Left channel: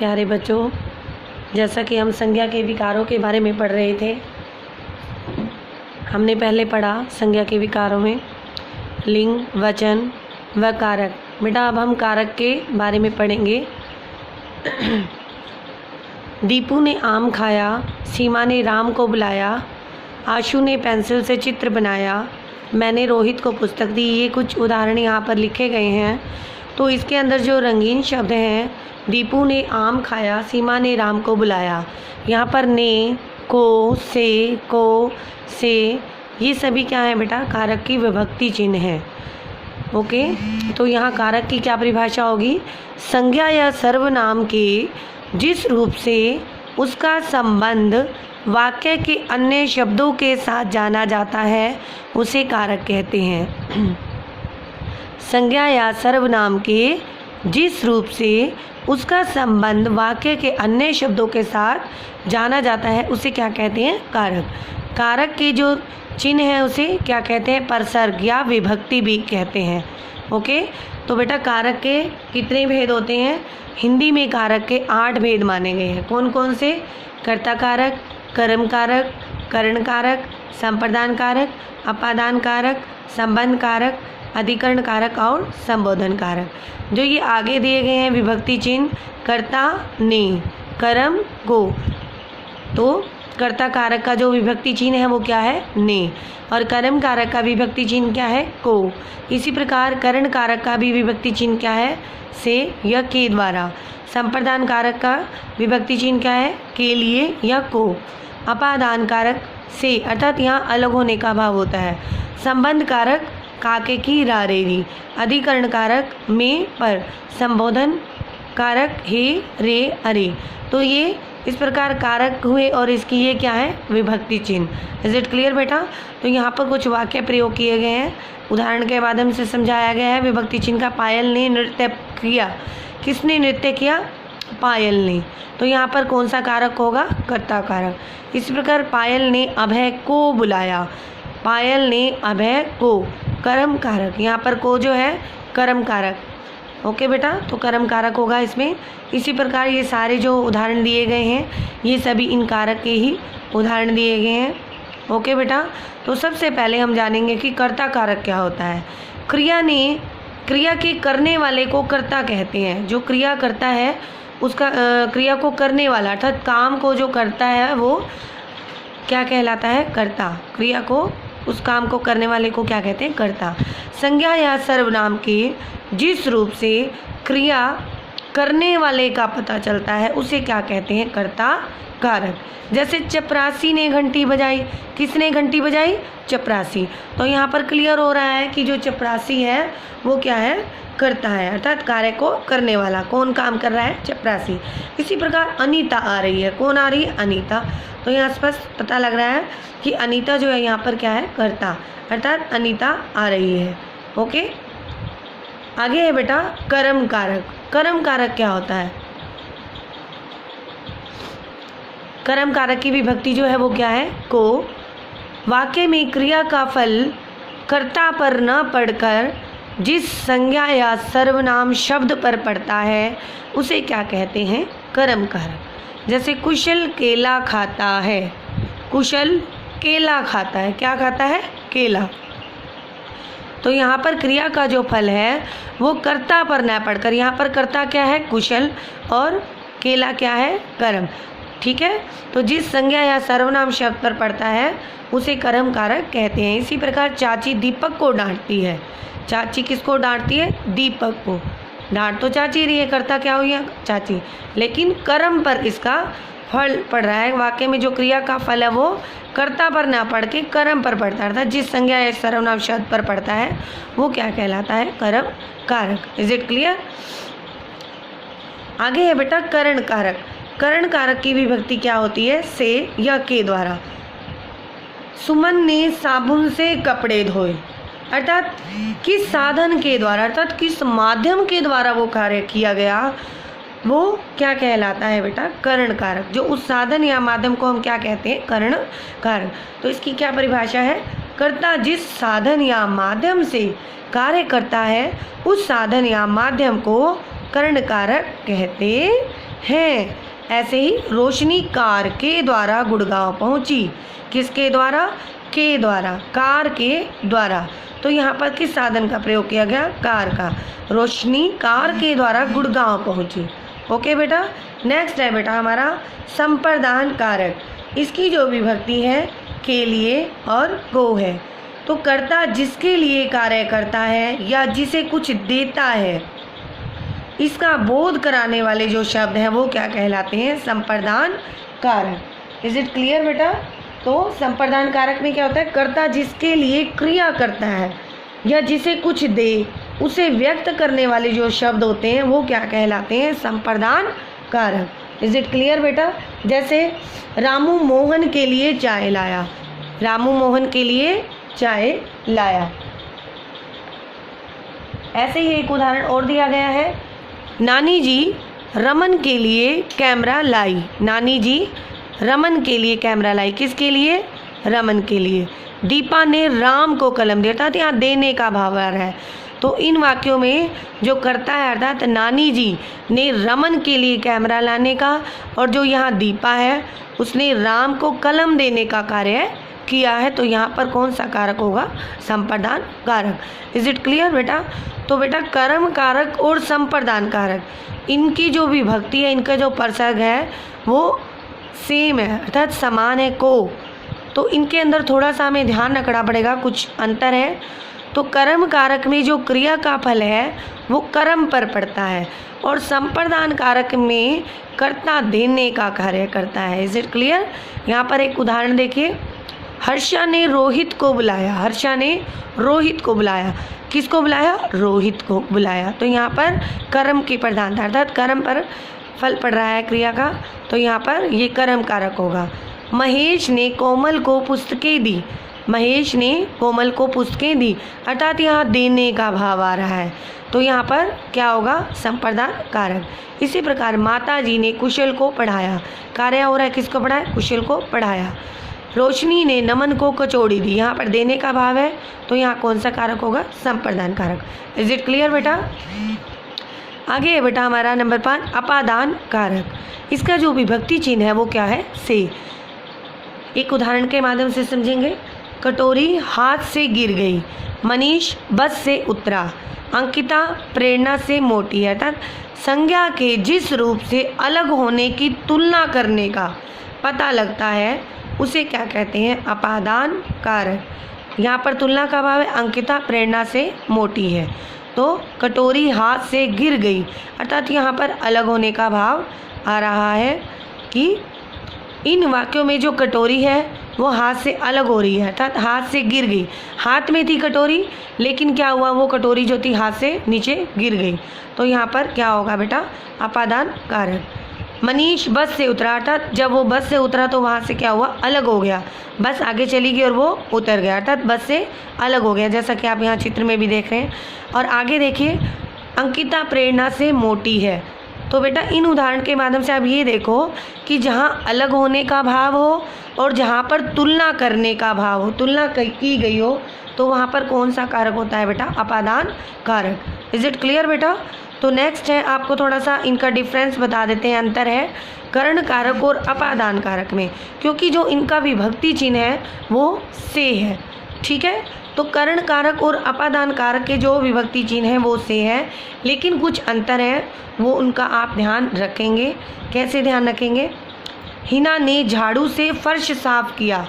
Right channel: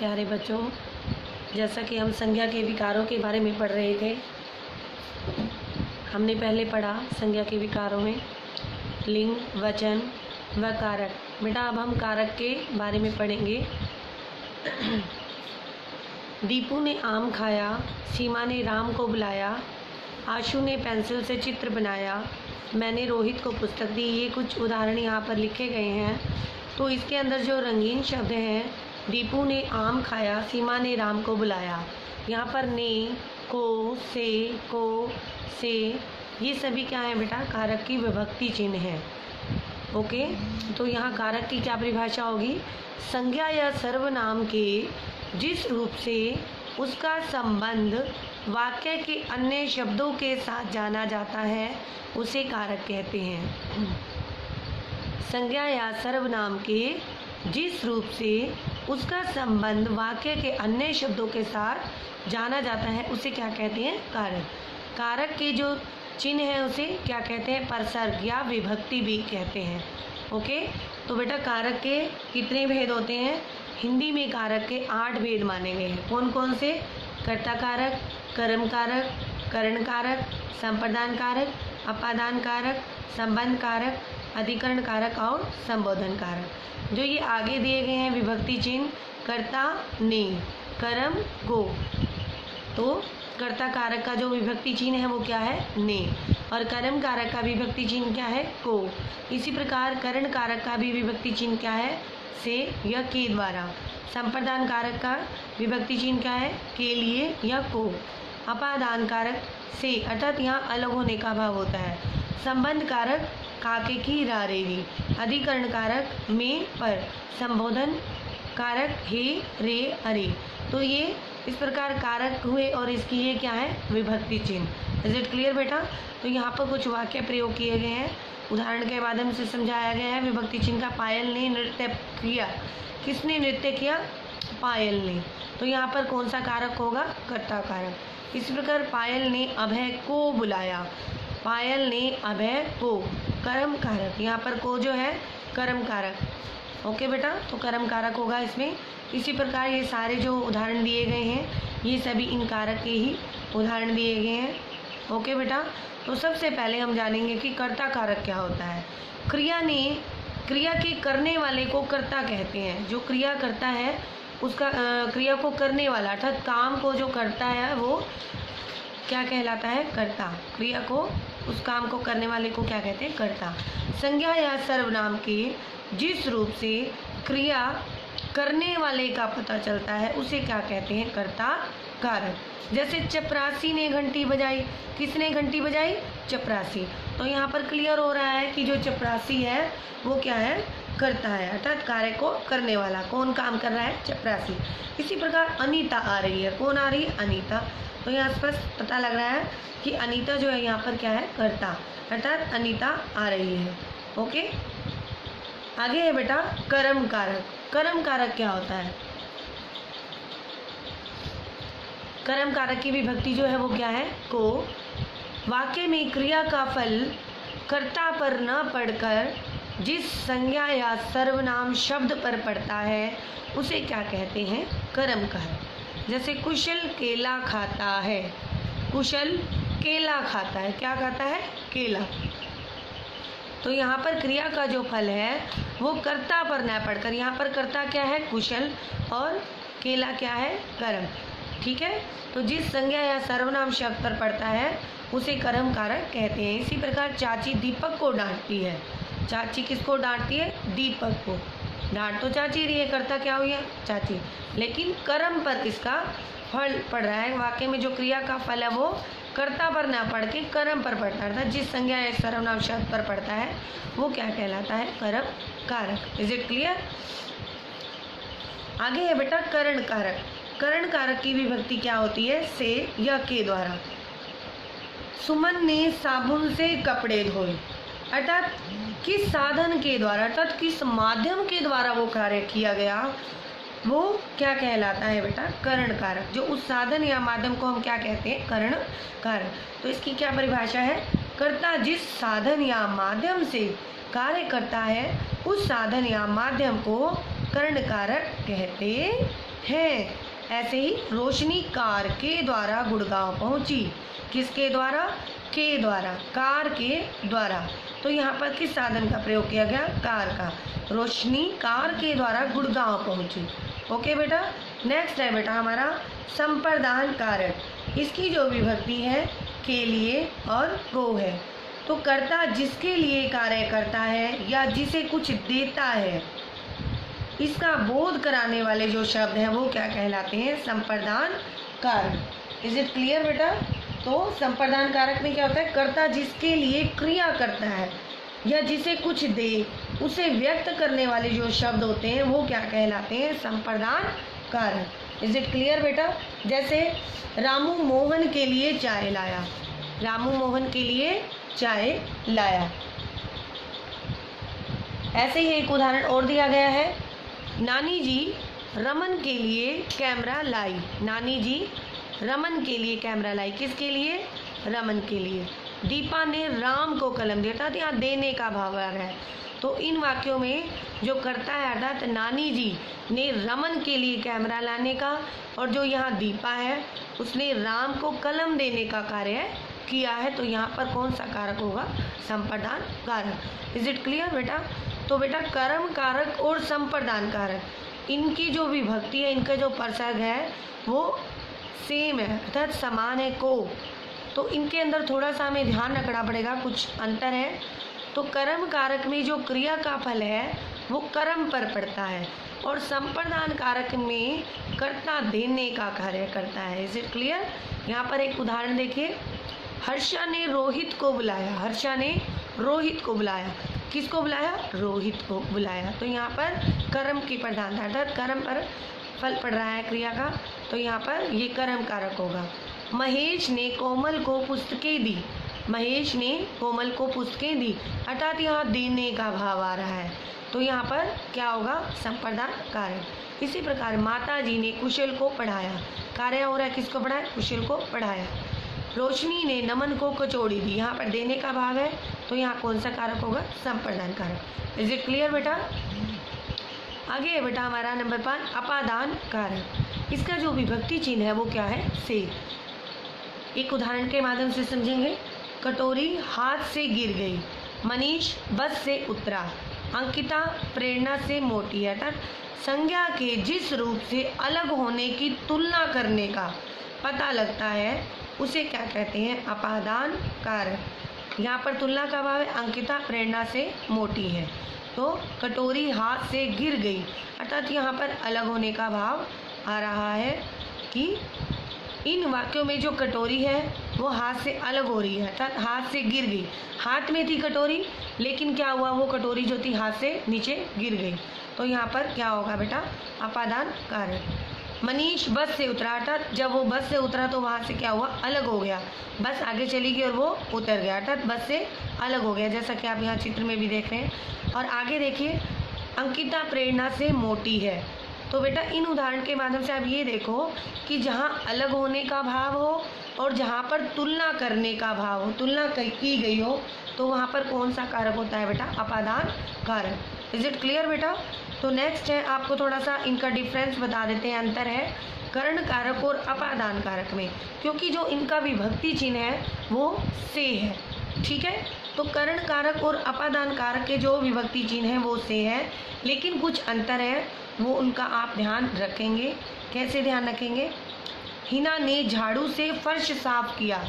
प्यारे बच्चों, जैसा कि हम संज्ञा के विकारों के बारे में पढ़ रहे थे, हमने पहले पढ़ा संज्ञा के विकारों में लिंग, वचन व कारक। बेटा अब हम कारक के बारे में पढ़ेंगे। दीपू ने आम खाया, सीमा ने राम को बुलाया, आशु ने पेंसिल से चित्र बनाया, मैंने रोहित को पुस्तक दी। ये कुछ उदाहरण यहाँ पर लिखे गए हैं। तो इसके अंदर जो रंगीन शब्द हैं, दीपू ने आम खाया, सीमा ने राम को बुलाया, यहाँ पर ने, को, से, ये सभी क्या है बेटा? कारक की विभक्ति चिन्ह है। ओके, तो यहाँ कारक की क्या परिभाषा होगी? संज्ञा या सर्वनाम के जिस रूप से उसका संबंध वाक्य के अन्य शब्दों के साथ जाना जाता है उसे कारक कहते हैं। संज्ञा या सर्वनाम के जिस रूप से उसका संबंध वाक्य के अन्य शब्दों के साथ जाना जाता है उसे क्या कहते हैं? कारक। कारक के जो चिन्ह है उसे क्या कहते हैं? परसर्ग या विभक्ति भी कहते हैं। ओके, तो बेटा कारक के कितने भेद होते हैं? हिंदी में कारक के 8 भेद माने गए हैं। कौन कौन से? कर्ता कारक, कर्म कारक, करण कारक, संप्रदान कारक, अपादान कारक, संबंध कारक, अधिकरण कारक और संबोधन कारक। जो ये आगे दिए गए हैं विभक्ति चिन्ह, कर्ता ने, कर्म को, तो कर्ता कारक का जो विभक्ति चिन्ह है वो क्या है? ने। और कर्म कारक का विभक्ति चिन्ह क्या है? को। इसी प्रकार करण कारक का भी विभक्ति चिन्ह क्या है? से या के द्वारा। संप्रदान कारक का विभक्ति चिन्ह क्या है? के लिए या को। अपादान कारक से, अर्थात यहाँ अलग होने का भाव होता है। संबंध कारक काके की रारेरी। अधिकरण कारक में पर। संबोधन कारक हे रे अरे। तो ये इस प्रकार कारक हुए और इसकी ये क्या है? विभक्ति चिन्ह। इज इट क्लियर बेटा? तो यहाँ पर कुछ वाक्य प्रयोग किए गए हैं, उदाहरण के माध्यम से समझाया गया है। विभक्ति चिन्ह का पायल ने नृत्य किया। किसने नृत्य किया? पायल ने। तो यहाँ पर कौन सा कारक होगा? कर्ता कारक। इसी प्रकार पायल ने अभय को बुलाया। पायल ने अभय को। कर्म कारक, यहाँ पर को जो है कर्म कारक। ओके बेटा, तो कर्म कारक होगा इसमें। इसी प्रकार ये सारे जो उदाहरण दिए गए हैं ये सभी इन कारक के ही उदाहरण दिए गए हैं। ओके बेटा, तो सबसे पहले हम जानेंगे कि कर्ता कारक क्या होता है। क्रिया के करने वाले को कर्ता कहते हैं। जो क्रिया करता है उसका क्रिया को करने वाला, अर्थात काम को जो करता है वो क्या कहलाता है? कर्ता। क्रिया को, उस काम को करने वाले को क्या कहते हैं? कर्ता। संज्ञा या सर्वनाम के जिस रूप से क्रिया करने वाले का पता चलता है उसे क्या कहते हैं? कर्ता कारक। जैसे चपरासी ने घंटी बजाई। किसने घंटी बजाई? चपरासी। तो यहाँ पर क्लियर हो रहा है कि जो चपरासी है वो क्या है? करता है, अर्थात कार्य को करने वाला। कौन काम कर रहा है? चपरासी। इसी प्रकार अनीता आ रही है। कौन आ रही है? अनीता। तो यहाँ स्पष्ट पता लग रहा है कि अनीता जो है यहाँ पर क्या है? कर्ता, अर्थात अनीता आ रही है। ओके, आगे है बेटा कर्म कारक। कर्म कारक क्या होता है? कर्म कारक की विभक्ति जो है वो क्या है? को। वाक्य में क्रिया का फल कर्ता पर न पड़कर जिस संज्ञा या सर्वनाम शब्द पर पड़ता है उसे क्या कहते हैं? कर्म कारक। जैसे कुशल केला खाता है। कुशल केला खाता है। क्या खाता है? केला। तो यहाँ पर क्रिया का जो फल है वो कर्ता पर न पड़कर, यहाँ पर कर्ता क्या है? कुशल, और केला क्या है? कर्म। ठीक है, तो जिस संज्ञा या सर्वनाम शब्द पर पड़ता है उसे कर्म कारक कहते हैं। इसी प्रकार चाची दीपक को डांटती है। चाची किसको डांटती है? दीपक को। डांट तो चाची रही है, कर्ता क्या हुई है? चाची। लेकिन कर्म पर इसका फल पड़ रहा है। वाक्य में जो क्रिया का फल है वो कर्ता पर ना पड़ के कर्म पर पड़ता है, अर्थात जिस संज्ञा या सर्वनाम शब्द पर पड़ता है वो क्या कहलाता है? कर्म कारक। Is it clear? आगे है बेटा करण कारक। करण कारक की विभक्ति क्या होती है? से या के द्वारा। सुमन ने साबुन से कपड़े धोए। अर्थात किस साधन के द्वारा, अर्थात किस माध्यम के द्वारा वो कार्य किया गया वो क्या कहलाता है बेटा? करण कारक। जो उस साधन या माध्यम को हम क्या कहते हैं? करण कारक। तो इसकी क्या परिभाषा है? कर्ता जिस साधन या माध्यम से कार्य करता है उस साधन या माध्यम को करण कारक कहते हैं। ऐसे ही रोशनी कार के द्वारा गुड़गांव पहुंची। किसके द्वारा? के द्वारा, कार के द्वारा। तो यहाँ पर किस साधन का प्रयोग किया गया? कार का। रोशनी कार के द्वारा गुड़गांव पहुंची। ओके बेटा। नेक्स्ट है बेटा हमारा संप्रदान कारक। इसकी जो विभक्ति है के लिए और को है। तो कर्ता जिसके लिए कार्य करता है या जिसे कुछ देता है, इसका बोध कराने वाले जो शब्द हैं वो क्या कहलाते हैं? संप्रदान कारक। इज इट क्लियर बेटा? तो संप्रदान कारक में क्या होता है? कर्ता जिसके लिए क्रिया करता है या जिसे कुछ दे, उसे व्यक्त करने वाले जो शब्द होते हैं वो क्या कहलाते हैं? संप्रदान कारक। इज इट क्लियर बेटा? जैसे रामू मोहन के लिए चाय लाया। रामू मोहन के लिए चाय लाया। ऐसे ही एक उदाहरण और दिया गया है। नानी जी रमन के लिए कैमरा लाई। नानी जी रमन के लिए कैमरा लाई। किसके लिए? रमन के लिए। दीपा ने राम को कलम दिया। अर्थात यहाँ देने का भाव आ रहा है। तो इन वाक्यों में जो करता है अर्थात नानी जी ने रमन के लिए कैमरा लाने का, और जो यहाँ दीपा है उसने राम को कलम देने का कार्य किया है। तो यहाँ पर कौन सा कारक होगा? संप्रदान कारक। इज इट क्लियर बेटा? तो बेटा कर्म कारक और संप्रदान कारक, इनकी जो विभक्ति है, इनका जो प्रसर्ग है वो सेम है, अर्थात समान है को। तो इनके अंदर थोड़ा सा हमें ध्यान रखना पड़ेगा, कुछ अंतर है। तो कर्म कारक में जो क्रिया का फल है वो कर्म पर पड़ता है, और संप्रदान कारक में कर्ता देने का कार्य करता है। Is it clear? यहाँ पर एक उदाहरण देखिए। हर्षा ने रोहित को बुलाया। हर्षा ने रोहित को बुलाया। किसको बुलाया? रोहित को बुलाया। तो यहाँ पर कर्म की प्रधानता, अर्थात कर्म पर फल पड़ रहा है क्रिया का, तो यहाँ पर ये कर्म कारक होगा। महेश ने कोमल को पुस्तकें दी। महेश ने कोमल को पुस्तकें दी, अर्थात यहाँ देने का भाव आ रहा है। तो यहाँ पर क्या होगा? संप्रदान कारक। इसी प्रकार माता जी ने कुशल को पढ़ाया। कार्य हो रहा है, किसको पढ़ाया? कुशल को पढ़ाया। रोशनी ने नमन को कचौड़ी दी। यहाँ पर देने का भाव है, तो यहाँ कौन सा कारक होगा? संप्रदान कारक। इज इट क्लियर बेटा? आगे है बेटा हमारा नंबर 5 अपादान कारक। इसका जो विभक्ति चिन्ह है वो क्या है? से। एक उदाहरण के माध्यम से समझेंगे। कटोरी हाथ से गिर गई। मनीष बस से उतरा। अंकिता प्रेरणा से मोटी। अर्थात संज्ञा के जिस रूप से अलग होने की तुलना करने का पता लगता है उसे क्या कहते हैं? अपादान कारक। यहाँ पर तुलना का भाव है, अंकिता प्रेरणा से मोटी है। तो कटोरी हाथ से गिर गई, अर्थात यहाँ पर अलग होने का भाव आ रहा है कि इन वाक्यों में जो कटोरी है वो हाथ से अलग हो रही है, अर्थात हाथ से गिर गई। हाथ में थी कटोरी, लेकिन क्या हुआ? वो कटोरी जो थी हाथ से नीचे गिर गई। तो यहाँ पर क्या होगा बेटा? अपादान कारक। मनीष बस से उतरा, अर्थात जब वो बस से उतरा तो वहाँ से क्या हुआ? अलग हो गया। बस आगे चली गई और वो उतर गया, अर्थात बस से अलग हो गया, जैसा कि आप यहाँ चित्र में भी देख रहे हैं। और आगे देखिए, अंकिता प्रेरणा से मोटी है। तो बेटा इन उदाहरण के माध्यम से आप ये देखो कि जहाँ अलग होने का भाव हो और जहाँ पर तुलना करने का भाव हो, तुलना की गई हो, तो वहाँ पर कौन सा कारक होता है बेटा? अपादान कारक। इज इट क्लियर बेटा? तो नेक्स्ट है, आपको थोड़ा सा इनका डिफरेंस बता देते हैं। अंतर है कर्ण कारक और अपादान कारक में, क्योंकि जो इनका विभक्ति चिन्ह है वो से है। ठीक है, तो कर्ण कारक और अपादान कारक के जो विभक्ति चिन्ह है वो से है, लेकिन कुछ अंतर है, वो उनका आप ध्यान रखेंगे। कैसे ध्यान रखेंगे? हिना ने झाड़ू से फर्श साफ किया।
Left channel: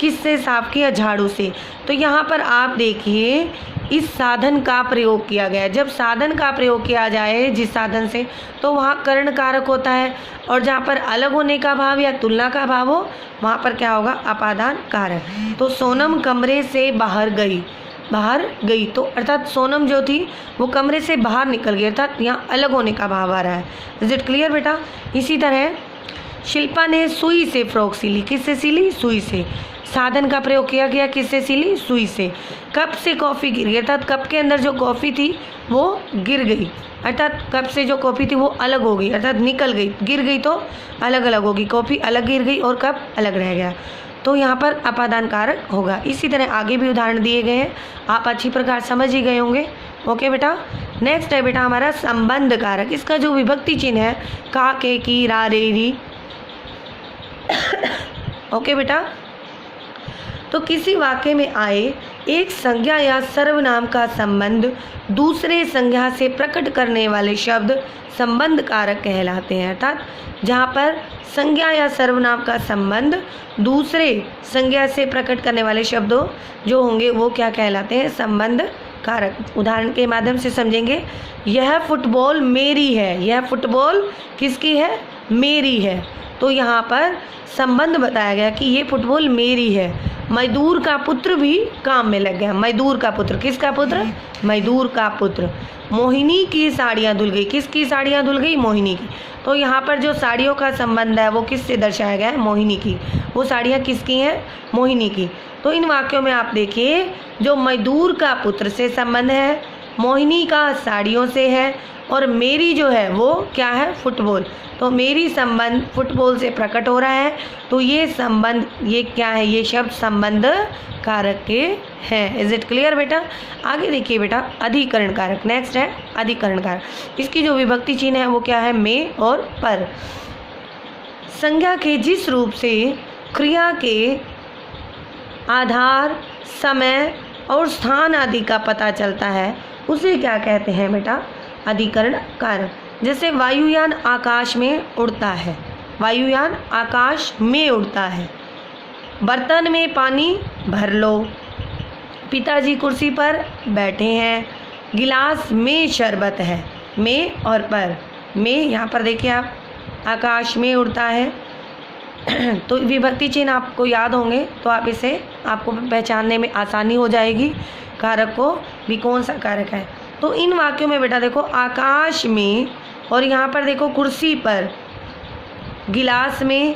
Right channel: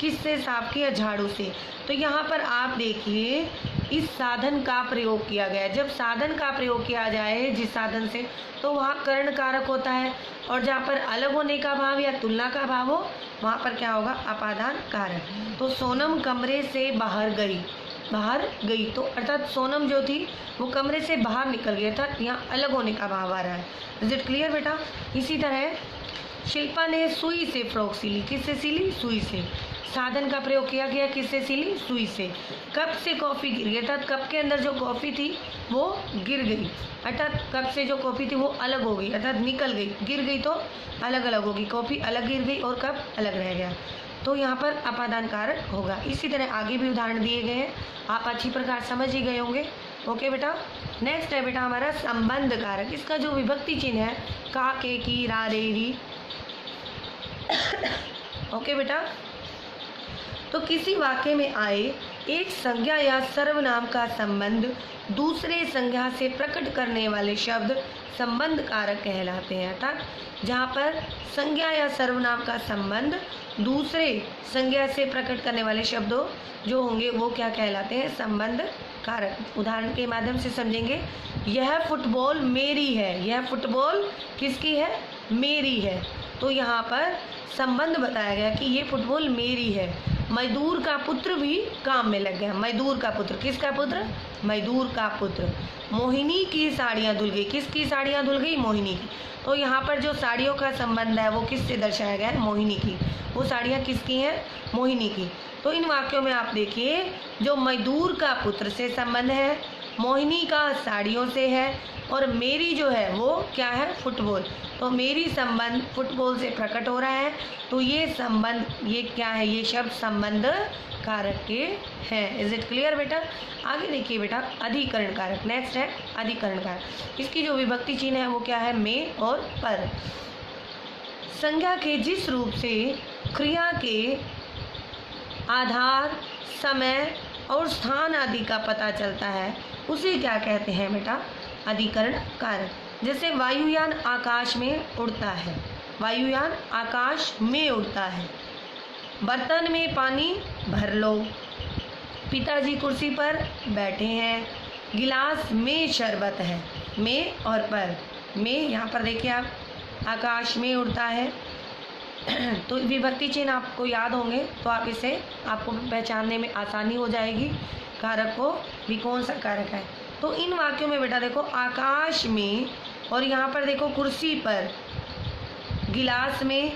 किससे साफ किया? झाड़ू से। तो यहाँ पर आप देखिए इस साधन का प्रयोग किया गया है। जब साधन का प्रयोग किया जाए जिस साधन से, तो वहाँ कर्ण कारक होता है, और जहाँ पर अलग होने का भाव या तुलना का भाव हो वहाँ पर क्या होगा? अपादान कारक। तो सोनम कमरे से बाहर गई। बाहर गई तो अर्थात सोनम जो थी वो कमरे से बाहर निकल गई, अर्थात यहाँ अलग होने का भाव आ रहा है। इज इट क्लियर बेटा? इसी तरह शिल्पा ने सुई से फ्रॉक सिली। किससे सिली? सुई से। साधन का प्रयोग किया गया, किससे सिली? सुई से। कप से कॉफ़ी गिर गई, अर्थात कप के अंदर जो कॉफ़ी थी वो गिर गई, अर्थात कप से जो कॉफ़ी थी वो अलग हो गई, अर्थात निकल गई। गिर गई तो अलग अलग होगी, कॉफ़ी अलग गिर गई और कप अलग रह गया, तो यहाँ पर अपादान कारक होगा। इसी तरह आगे भी उदाहरण दिए गए हैं, आप अच्छी प्रकार समझ ही गए होंगे। ओके बेटा, नेक्स्ट है बेटा हमारा संबंध कारक। इसका जो विभक्ति चिन्ह है का, के, की, रा, रे, री। ओके बेटा, तो किसी वाक्य में आए एक संज्ञा या सर्वनाम का संबंध दूसरे संज्ञा से प्रकट करने वाले शब्द संबंध कारक कहलाते हैं। अर्थात जहाँ पर संज्ञा या सर्वनाम का संबंध दूसरे संज्ञा से प्रकट करने वाले शब्दों जो होंगे वो क्या कहलाते हैं? संबंध कारक। उदाहरण के माध्यम से समझेंगे। यह फुटबॉल मेरी है। यह फुटबॉल किसकी है? मेरी है। तो यहाँ पर संबंध बताया गया कि ये फुटबॉल मेरी है। मजदूर का पुत्र भी काम में लग गया। मजदूर का पुत्र, किसका पुत्र? मजदूर का पुत्र। मोहिनी की साड़ियाँ धुल गई। किसकी साड़ियाँ धुल गई? मोहिनी की। तो यहाँ पर जो साड़ियों का संबंध है वो किससे दर्शाया गया है? मोहिनी की। वो साड़ियाँ किसकी हैं? मोहिनी की। तो इन वाक्यों में आप देखिए, जो मजदूर का पुत्र से संबंध है, मोहिनी का साड़ियों से है, और मेरी जो है वो क्या है? फुटबॉल। तो मेरी संबंध फुटबॉल से प्रकट हो रहा है। तो ये संबंध, ये क्या है? ये शब्द संबंध कारक के हैं। इज इट क्लियर बेटा? आगे देखिए बेटा, अधिकरण कारक। नेक्स्ट है अधिकरण कारक। इसकी जो विभक्ति चिन्ह है वो क्या है? में और पर। संज्ञा के जिस रूप से क्रिया के आधार, समय और स्थान आदि का पता चलता है उसे क्या कहते हैं बेटा? अधिकरण कारक। जैसे वायुयान आकाश में उड़ता है। वायुयान आकाश में उड़ता है। बर्तन में पानी भर लो। पिताजी कुर्सी पर बैठे हैं। गिलास में शरबत है। में और पर। में यहाँ पर देखिए आप, आकाश में उड़ता है। तो विभक्ति चिन्ह आपको याद होंगे तो आप इसे आपको पहचानने में आसानी हो जाएगी कारक को भी कौन सा कारक है। तो इन वाक्यों में बेटा देखो, आकाश में और यहाँ पर देखो कुर्सी पर, गिलास में,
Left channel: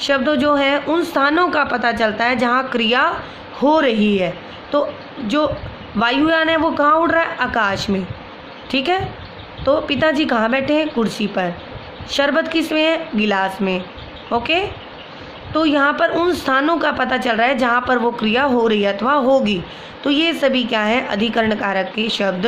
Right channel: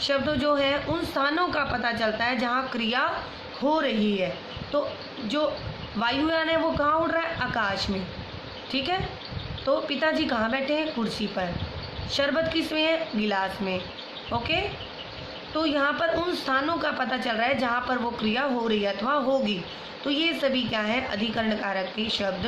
शब्द जो है उन स्थानों का पता चलता है जहाँ क्रिया हो रही है। तो जो वायुयान है वो कहाँ उड़ रहा है? आकाश में। ठीक है। तो पिताजी कहाँ बैठे हैं? कुर्सी पर। शरबत किस में है? गिलास में। ओके। तो यहाँ पर उन स्थानों का पता चल रहा है जहाँ पर वो क्रिया हो रही है अथवा होगी। तो ये सभी क्या है? अधिकरण कारक के शब्द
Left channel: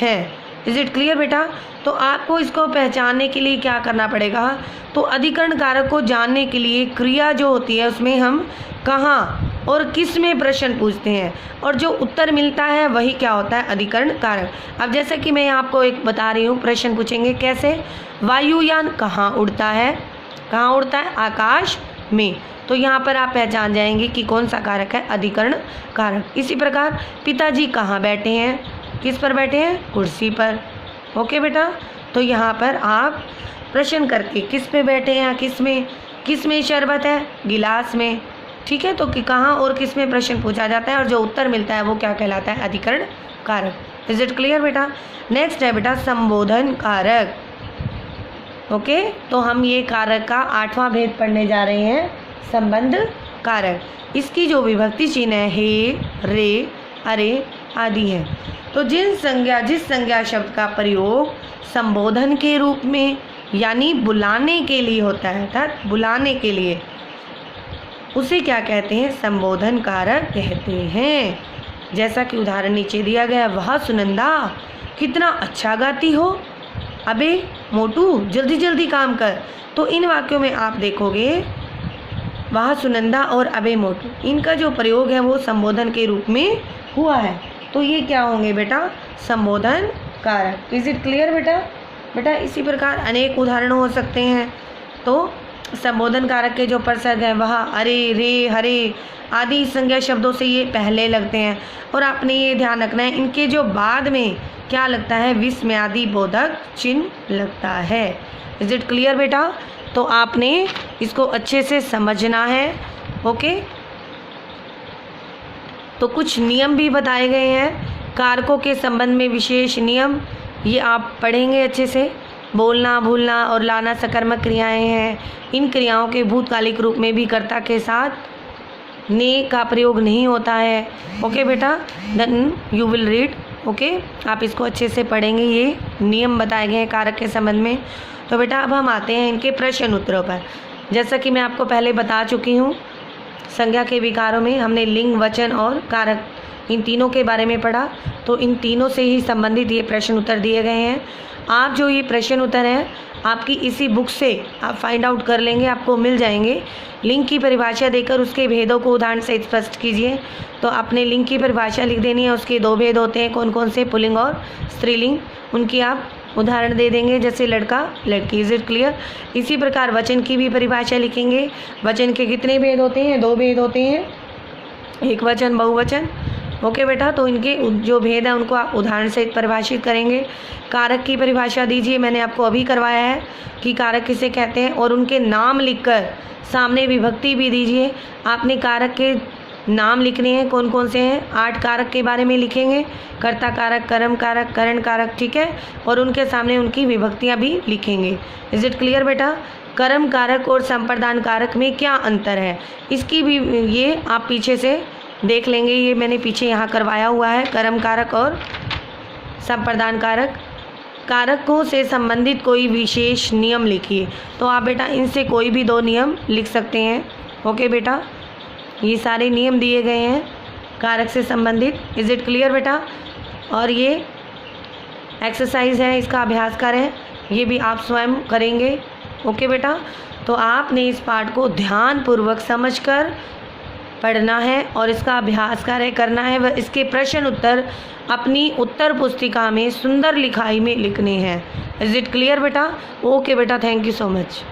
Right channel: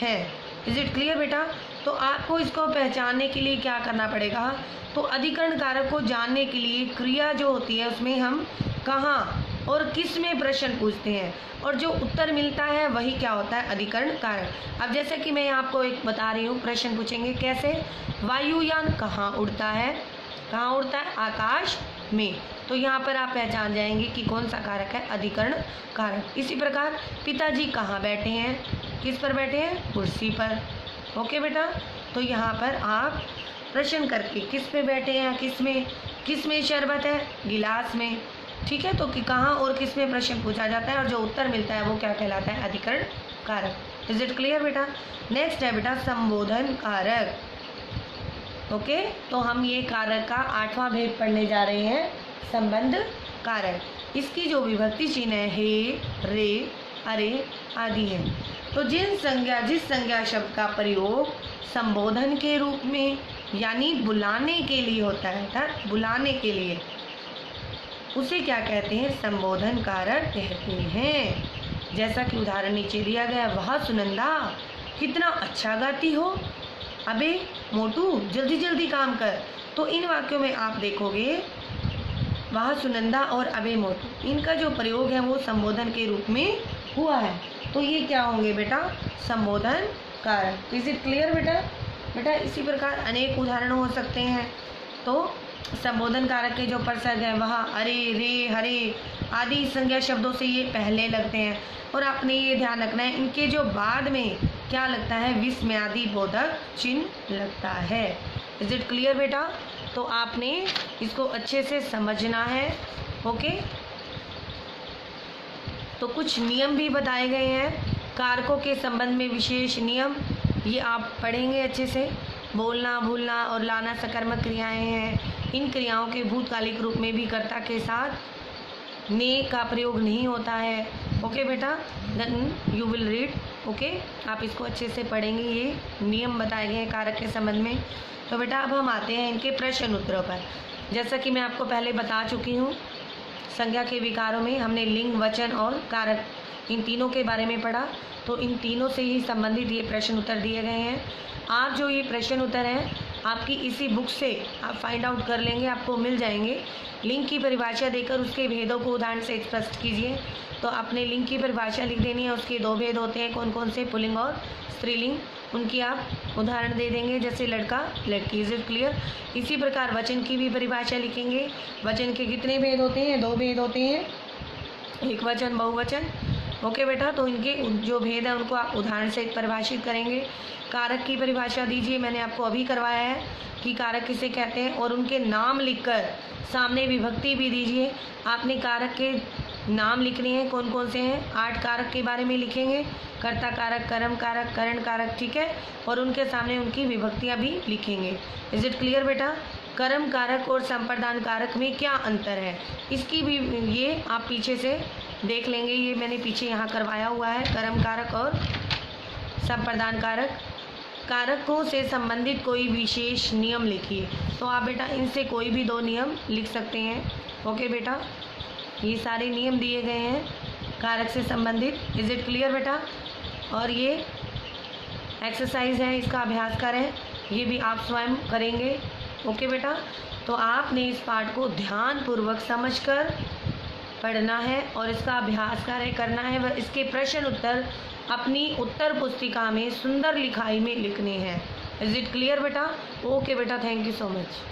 हैं। इज इट क्लियर बेटा? तो आपको इसको पहचानने के लिए क्या करना पड़ेगा? तो अधिकरण कारक को जानने के लिए क्रिया जो होती है उसमें हम कहाँ और किस में प्रश्न पूछते हैं, और जो उत्तर मिलता है वही क्या होता है? अधिकरण कारक। अब जैसे कि मैं आपको एक बता रही हूँ, प्रश्न पूछेंगे कैसे? वायुयान कहाँ उड़ता है? कहाँ उड़ता है? आकाश में। तो यहाँ पर आप पहचान जाएंगे कि कौन सा कारक है? अधिकरण कारक। इसी प्रकार पिताजी कहाँ बैठे हैं? किस पर बैठे हैं? कुर्सी पर। ओके बेटा। तो यहाँ पर आप प्रश्न करके किस पे बैठे हैं? किस में शरबत है? गिलास में। ठीक है। तो कि कहाँ और किस में प्रश्न पूछा जाता है और जो उत्तर मिलता है वो क्या कहलाता है? अधिकरण कारक। इज इट क्लियर बेटा? नेक्स्ट है बेटा संबोधन कारक। ओके। तो हम ये कारक का 8वां भेद पढ़ने जा रहे हैं, संबंध कारक। इसकी जो विभक्ति चिन्ह है हे, रे, अरे आदि है। तो जिस संज्ञा शब्द का प्रयोग संबोधन के रूप में यानी बुलाने के लिए होता है, अर्थात बुलाने के लिए, उसे क्या कहते हैं? संबोधन कारक कहते हैं। जैसा कि उदाहरण नीचे दिया गया, वह सुनंदा कितना अच्छा गाती हो। अबे मोटू जल्दी जल्दी काम कर। तो इन वाक्यों में आप देखोगे वह सुनंदा और अबे मोटू, इनका जो प्रयोग है वो संबोधन के रूप में हुआ है। तो ये क्या होंगे बेटा? संबोधन कारक। इज इट क्लियर बेटा? बेटा इसी प्रकार अनेक उदाहरण हो सकते हैं। तो संबोधन कारक के जो प्रसर्ग हैं वह अरे, रे, हरे आदि संज्ञा शब्दों से ये पहले लगते हैं, और आपने ये ध्यान रखना है इनके जो बाद में क्या लगता है? विस्मयादि बोधक चिन्ह लगता है। इज इट क्लियर बेटा? तो आपने इसको अच्छे से समझना है। ओके। तो कुछ नियम भी बताए गए हैं कारकों के संबंध में, विशेष नियम ये आप पढ़ेंगे अच्छे से। बोलना, भूलना और लाना सकर्मक क्रियाएं हैं। इन क्रियाओं के भूतकालिक रूप में भी कर्ता के साथ ने का प्रयोग नहीं होता है। ओके बेटा, then you will read. Okay, आप इसको अच्छे से पढ़ेंगे। ये नियम बताए गए हैं कारक के संबंध में। तो बेटा अब हम आते हैं इनके प्रश्न उत्तरों पर। जैसा कि मैं आपको पहले बता चुकी हूँ, संज्ञा के विकारों में हमने लिंग, वचन और कारक इन तीनों के बारे में पढ़ा। तो इन तीनों से ही संबंधित ये प्रश्न उत्तर दिए गए हैं। आप जो ये प्रश्न उत्तर हैं आपकी इसी बुक से आप फाइंड आउट कर लेंगे, आपको मिल जाएंगे। लिंग की परिभाषा देकर उसके भेदों को उदाहरण से स्पष्ट कीजिए। तो आपने लिंग की परिभाषा लिख देनी है, उसके 2 भेद होते हैं, कौन कौन से, पुल्लिंग और स्त्रीलिंग। उनकी आप उदाहरण दे देंगे, जैसे लड़का लड़की। Is it clear? इसी प्रकार वचन की भी परिभाषा लिखेंगे। वचन के कितने भेद होते हैं? 2 भेद होते हैं, एक वचन, बहुवचन। ओके बेटा, तो इनके जो भेद हैं उनको आप उदाहरण से परिभाषित करेंगे। कारक की परिभाषा दीजिए, मैंने आपको अभी करवाया है कि कारक किसे कहते हैं, और उनके नाम लिखकर सामने विभक्ति भी दीजिए। आपने कारक के नाम लिखने हैं, कौन कौन से हैं? 8 कारक के बारे में लिखेंगे, कर्ता कारक, कर्म कारक, करण कारक, ठीक है, और उनके सामने उनकी विभक्तियाँ भी लिखेंगे। इज इट क्लियर बेटा? कर्म कारक और संप्रदान कारक में क्या अंतर है, इसकी भी ये आप पीछे से देख लेंगे। ये मैंने पीछे यहाँ करवाया हुआ है, कर्म कारक और संप्रदान कारक। कारकों से संबंधित कोई विशेष नियम लिखिए। तो आप बेटा इनसे कोई भी 2 नियम लिख सकते हैं। ओके बेटा, ये सारे नियम दिए गए हैं कारक से संबंधित। इज इट क्लियर बेटा? और ये एक्सरसाइज है, इसका अभ्यास करें, ये भी आप स्वयं करेंगे। ओके बेटा, तो आपने इस पाठ को ध्यानपूर्वक समझकर पढ़ना है और इसका अभ्यास कार्य करना है। वह इसके प्रश्न उत्तर अपनी उत्तर पुस्तिका में सुंदर लिखाई में लिखने हैं। इज इट क्लियर बेटा? ओके बेटा, थैंक यू सो मच।